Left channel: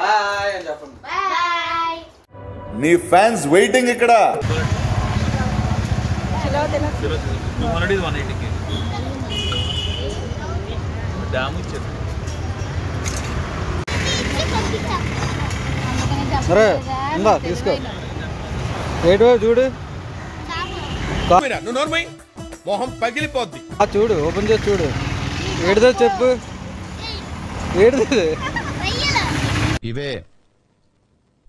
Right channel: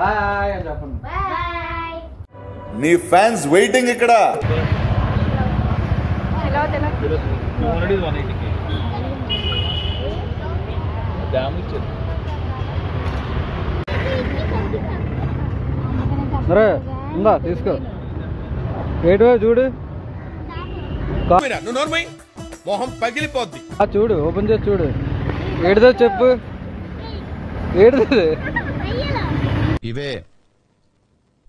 Bye అని చెప్పండి. నీ ఫ్యాన్స్ వెయిటింగ్ ఇక్కడ. సరే ఉందా తీసుకో. ఏటో చూడు, మొహం పగిలిపోద్ది. చూడు ఓపెన్ చేసి చూడు. ఏడుదో చెప్పు, ఏడుది. ఇవే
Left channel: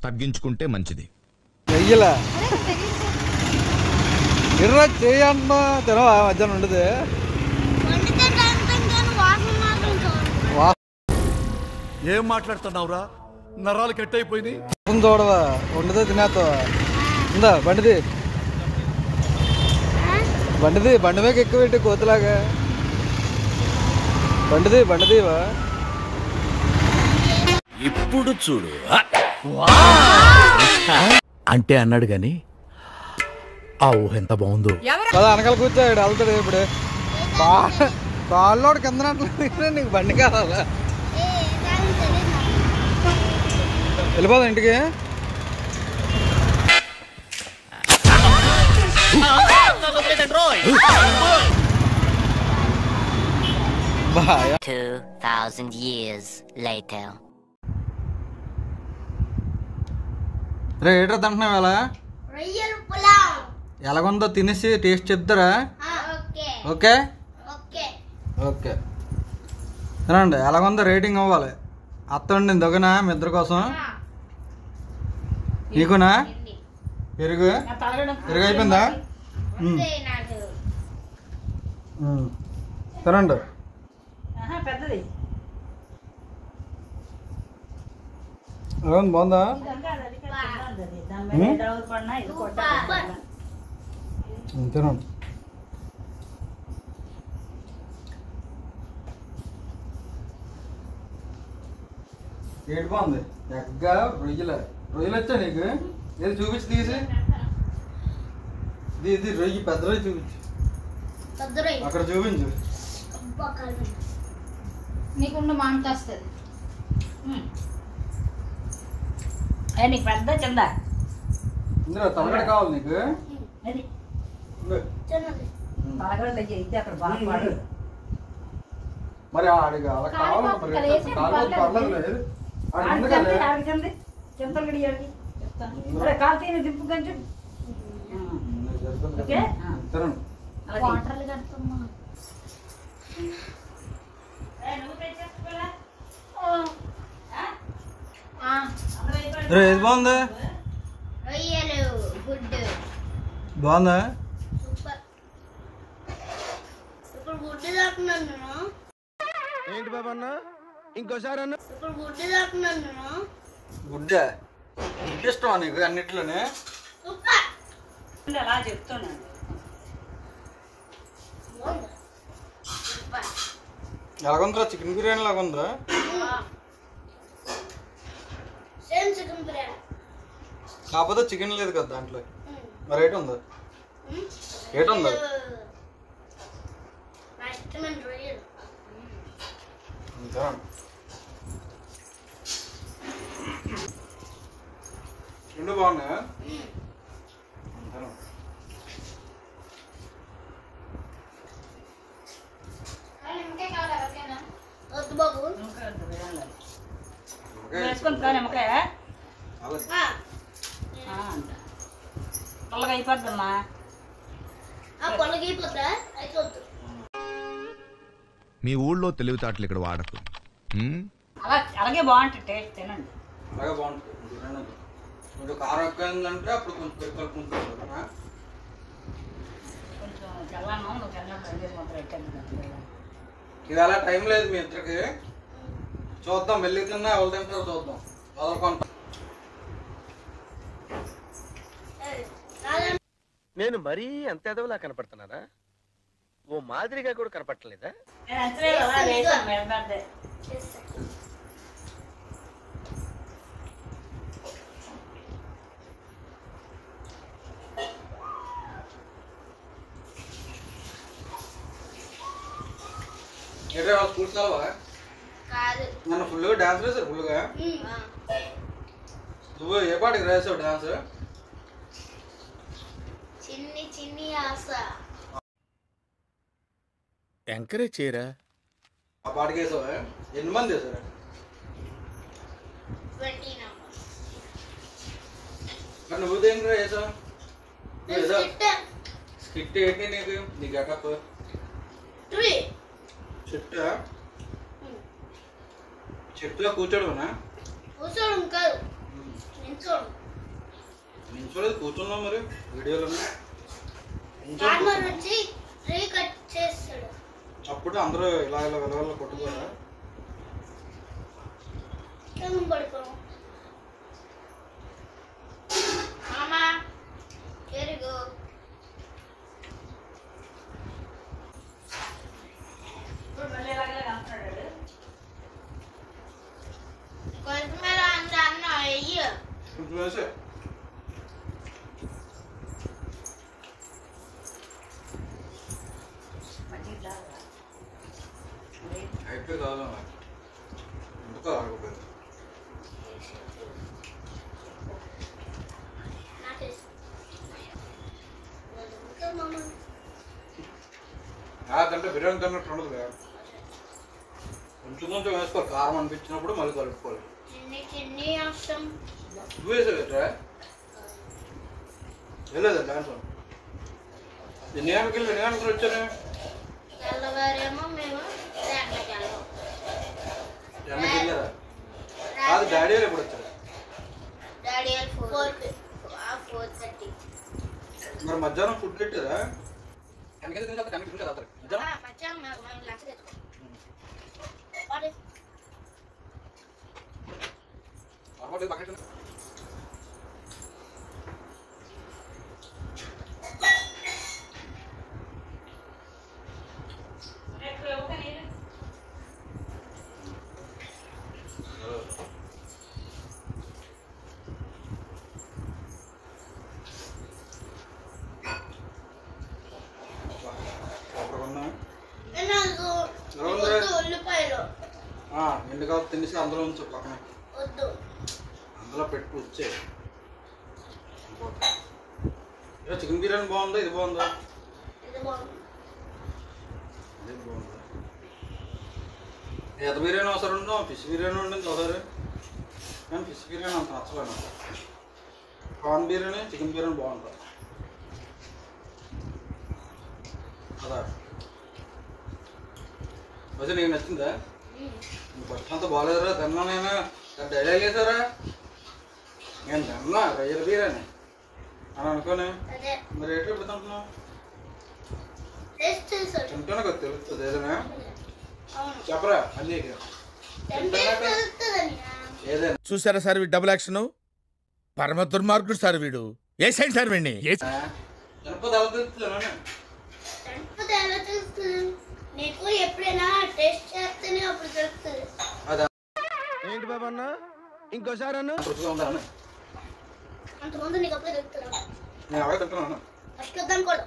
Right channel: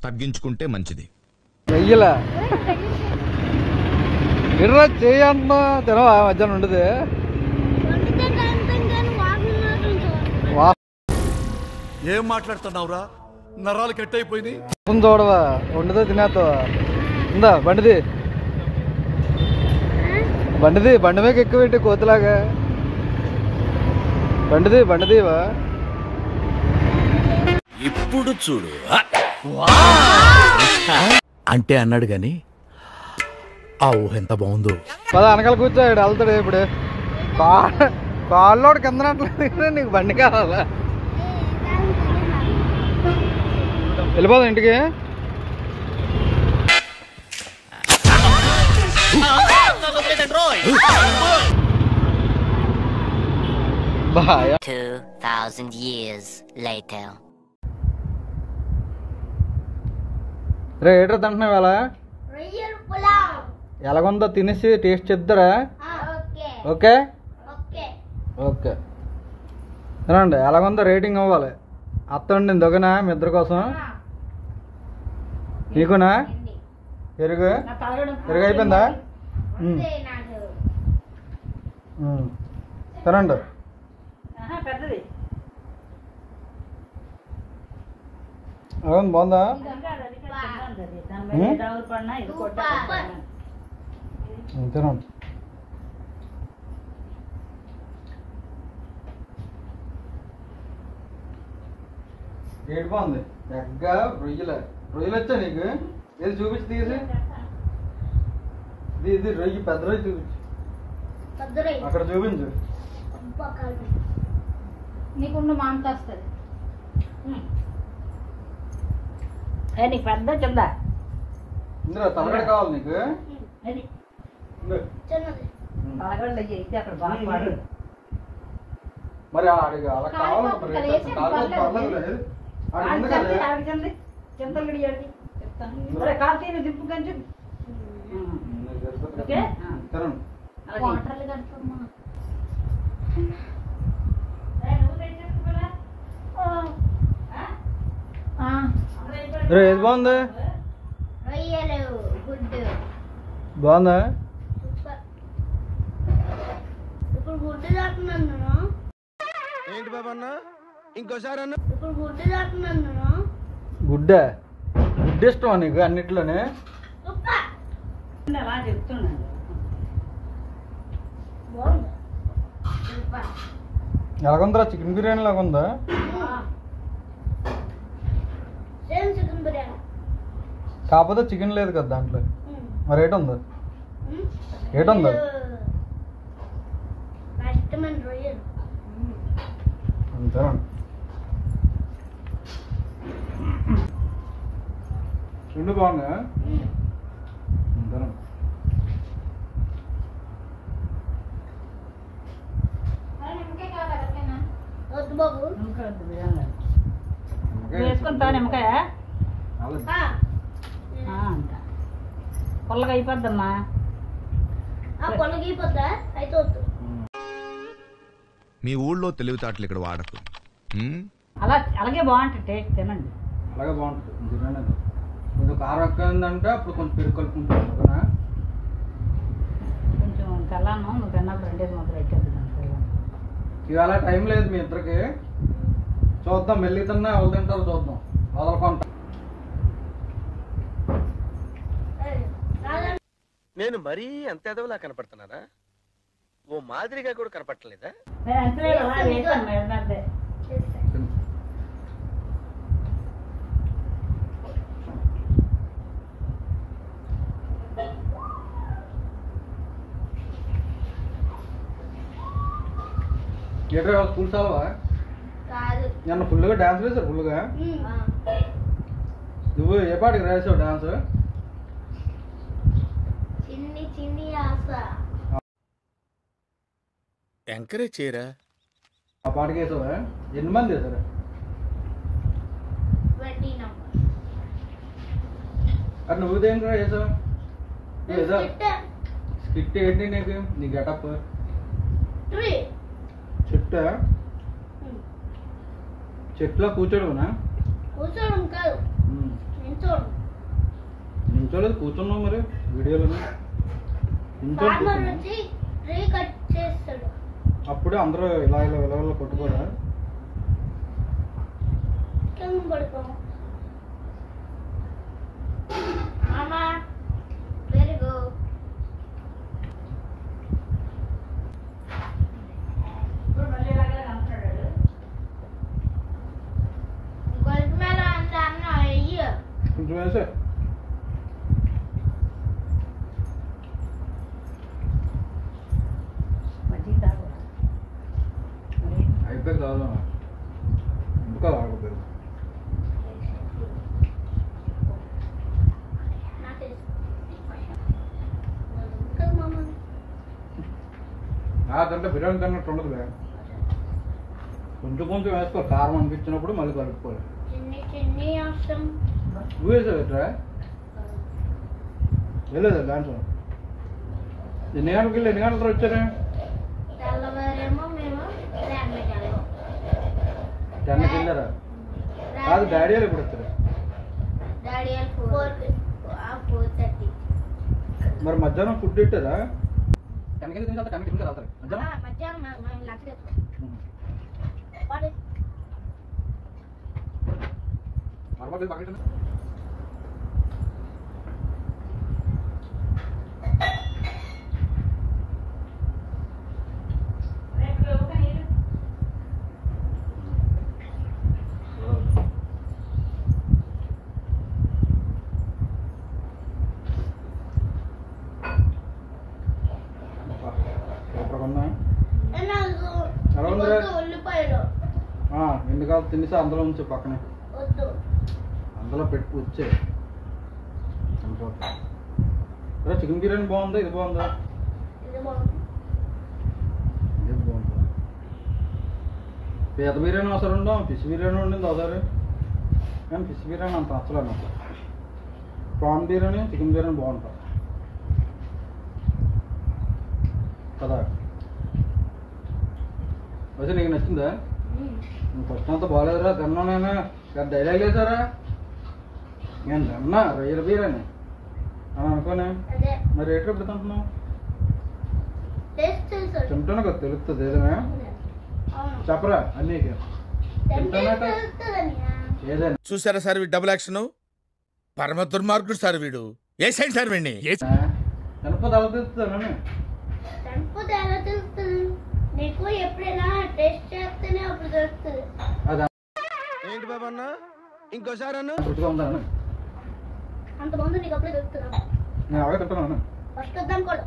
తగ్గించుకుంటే మంచిది. వెయ్యలా ఇర్రా చేయంటున్నా తినవా? మధ్యాహ్నం ఉండదు. ఏం మాట్లాడుతున్నావురా? నరాలు కట్ అయిపోయింది. చూడవా? వండుతో తినేస్తావా? ఉందా బండిది, బండి మీద ఎక్కువ పెట్టి కోతలాగా. బండిదివా? ఇప్పుడు చూడు అంటే అన్నాడు గాని ఆ ఊహ ఎంత బాగుందో. పద వెనకాల కూర్చోడు, వెళ్తాడు ఇప్పుడు. కాళ్ళోడు కిందనట్లేదు. నీకు బండి కావాలా? వెళ్ళిపోదాం ఇంటికి. బాయ్. 2000 years later. రే ఏట్రా తింటున్నావు? ఎలా ఎలాగుందో తినేసి టేస్ట్ చెప్తారా? ఓకే ఓకే తినండి. ఎలాగుందో రేటింగ్ అవ్వాలి. అత్త వండింది ఒకనా మీ ఇద్దరి కోసం? నీకునా? పెరుగు అయిపోయిందా? తినండి. బాగుందా? తినండి. ఏడు బాగుంది. ఎగ్గ రొయ్యలు వచ్చా నీకు? ఏది చూపించి తీసి. ఇది రొయ్యి, పెద్ద రొయ్యి చూపించు. అక్కడ చూపించు. నీకు మాంటేస్తుంది. నీకు పెద్ద కింద ఇందులో తలగడ కావాలి నీకు? మరి అడిగి అలా కావాలంట. మరి దింపు కొంచెం ఏది బాగుంది? బాగుందా? ఏంటి బాబా అన్న? ఇంకోసారి అన్న. గుడ్డ ఇష్టమా నీకు అన్నిట్లోనే? ఎలాగుందిరా? చికెన్ బిర్యానీ లాగా ఉందా? కాకపోతే చికెన్ లేదు కదా దాంట్లో. మరి ఏటుందా? అంతేనా? రెండు బాగున్నాయా? అంతేనా? పొల్లగా అయిపోద్దమ్మా. మీ ఊళ్ళో తెలివితేటలు ఇక్కడ వాడకు. అలాగే బాగుంటుంది. టేస్ట్ తినండి. అలాగే బాగుంటుంది. కొంచెం కారం ఎక్కువైందంటే అప్పుడు కొంచెం పెరుగు కలుపుకుంటున్నా. కొంచెం చల్లాను. నువ్వు తిన్నప్పుడు 2 ముద్దలు ఎక్కేద్దాం. ఇవాళ టైం లేదు మీ ఇద్దరికి. చూద్దాం, మెల్లి తిన్నా ఎవరు తింటారో చూద్దాం. వదలకుంటా. నేను మరీ అంత ఎదవలా కనపడుతున్నారా? ఓ మాదిరిగా కూడా కనపడలేదా? ఏదో స్కూల్ సాల్వా కాదు. నన్ను ఫుల్గా డాన్స్ వేసారు ఫుల్గా. నువ్వు ఏ పాటకి రాసావు డాన్స్? చిన్ని చిన్ని ఆశ. ఎంకరేజ్ చేయరా. ఆ పాటకి వేసావా? ఎన్ని మంది వేసారు? 20 numbers. అది నువ్వు దేనికి వేసావు? స్కిట్ ఏంటి నీకు? నీ గెటప్ 3. చెట్టా? చెట్టులో కూర్చోడమనా? కూర్చోడం కాదు, నించోడం. నించోలేదు, కూర్చున్నావు మరి వీడియోలో. ఫార్మర్ వచ్చి ట్రీ కట్ చేస్తాడు. అప్పుడు అందరూ ఇలా ఇలా విలవల్లో కొట్టుకోరా? కింద పడిపోము. మామా వెరీ గుడ్. ఇప్పుడు మళ్ళీ ఇలాగే అంటున్నాడు. కొత్తిమీర అంత అన్న వెయ్యి. కొంచెం వేసే. మజ్జిగ తాగురా. మరి అయిపోయి కాదు ఎందుకో ఆగపోయారు. నాకంటే బిర్యానీ తిన్నట్టు ఉండదు కదా. కొంచెం కొంచెం వేసుకో, కారం అనిపించినప్పుడు మళ్ళీ కలుపుకోవాలి. చిన్ని చిన్ని ఆశం. నువ్వు వేసావు ఎట్రా? వెళ్ళలేదు డాన్స్. ఎన్ని గంటలకు వచ్చారు? తెల్లవారేమో మేము 10కి వెళ్ళాం. 10కి వెళ్ళారా? కాదు, డాడీ వాళ్ళు ఎప్పుడు వచ్చారు? డాడీ 4కి 4:30. మరి మధ్యాహ్నం ఫుడ్ పెట్టారా? 10కి తింటారు, 10కి తింటారు మధ్యాహ్నం. మధ్యాహ్నం మేము లంచ్ తెచ్చుకోం. వాడు అరవై బకెట్ ఉల్లిపాయలు ఎండు కాదు తినేసి అందులో ఉంచు, పక్కన వద్దు. అందులో పెట్టి వచ్చే. చికెన్ బిర్యానీ బాగుందా? ఇది బాగుందా? ఇది బాగుంది. ఇది బాగుందా? పేద బిర్యానీ ఒకసారి ఉందాం, ఫిష్ బిర్యానీ ఉండింది ఒకసారి. కానీ ఫిష్ బిర్యానీ అంత నచ్చలేదు నాకు. ప్రాన్ బిర్యానీ, చికెన్ బిర్యానీ బాగుంటుంది కదా. వచ్చి నీకు నచ్చిందా? నువ్వు ఫస్ట్ అంతా బాగాలేదురా, తిన్నానైనా డైలాగ్ వేసారా? నేను తిన్నా రొయ్యల బిర్యానీ అని అనుకోని. అదే మరి రేట్లు ఎప్పుడు తింటున్నావు? టేస్ట్ చేసాడు. తింటాను కదా తెలుస్తుంది ఏదైనా. అవును, చెప్పరా అన్నీ తెలుస్తుందని. ఏదైనా చూసారా సార్ వీడు డబుల్ యాక్షన్. పరమ దుర్మార్గుడు సార్ వీడు. ఏ సైడ్ సార్ వీడిని? తినపోతే అలా తెలుస్తాను. చనిపోతే ఎలా తెలుస్తుంది? నీకు ఎప్పుడైనా టేస్ట్ చేస్తేనే అప్పుడు తెలుస్తుంది. అదా ఏంటి బాబా అన్న ఇంకోసారి అన్న రుచిగా ఉందా? అంతమంది నీకు అప్పుడే తెలుస్తుంది. నేను అలాగే తింటున్నాను. ఫస్ట్ వద్దాను కూడా.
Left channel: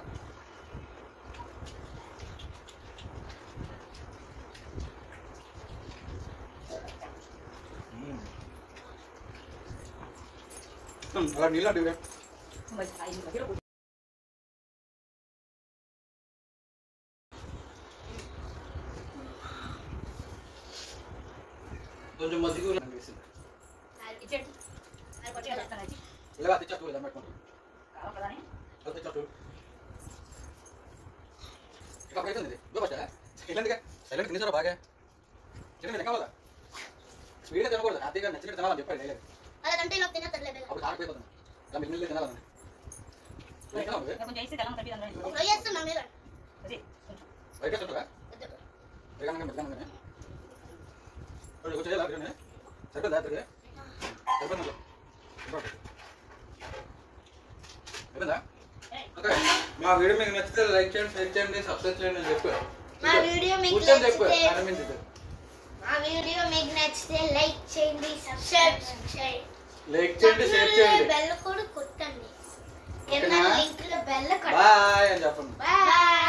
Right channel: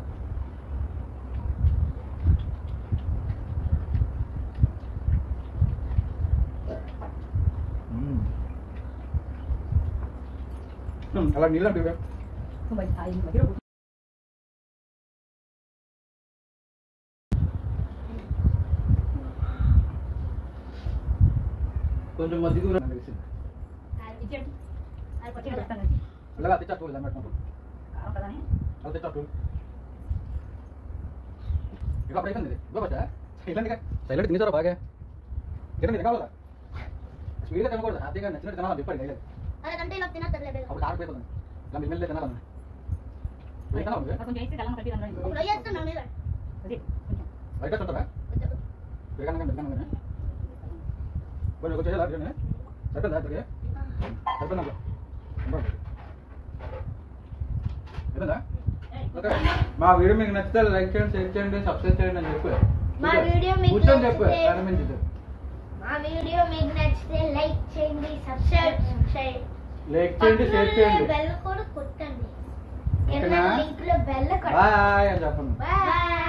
అలా నీళ్ళు అంటే మధ్యలో కొంచెం మధ్య ఇచ్చేయండి. అది పచ్చి చెప్తాను. ఇలాగా తెచ్చాడు ఇలా పెట్టుకుంటాం. కారం కదా అని అలా తెచ్చాడు ఇక అప్పుడు అవుతుంది. ఇదో పచ్చా సైలెంట్గా తినేసారా బాగా? తినండి, కావాలా? స్వీట్గా తినకూడదు, హ్యాపీగా నచ్చినట్టు తినాలని చెప్పాలి డైలాగ్. అదంటే నాకు తినట్లేదు. అప్పుడు కాకపోతుంది ఇలా మిమ్మల్ని తినాలని. కొంచెం వేస్తే తెల్లం తగ్గిదండి. ఒక రొయ్య వేస్తున్నా మీద. అది బయట ఉంటుందా? బిర్యానీ బిర్యానీ కొంచెం చేయాలా? బిర్యానీ సరిపోయిందా? సరిపోయిందా? సరిపోయిందా? ఓకే, మా వీడియో మీకు నచ్చితే లైక్ చేయండి, షేర్ చేయండి, సబ్స్క్రైబ్ చేయండి అని చెప్పు. మా వీడియో మీకు కూర్చొని చెప్పు. నచ్చితే మా వీడియో మీకు నచ్చితే లైక్ చేయండి, సబ్స్క్రైబ్ చేయండి, లైక్ చేయండి, షేర్ చేయండి. బెల్ కూడా కొట్టండి. ఓకేనా? లింక్ లో బెల్ కొట్టండి. బాయ్ అని చెప్పండి. బాయ్.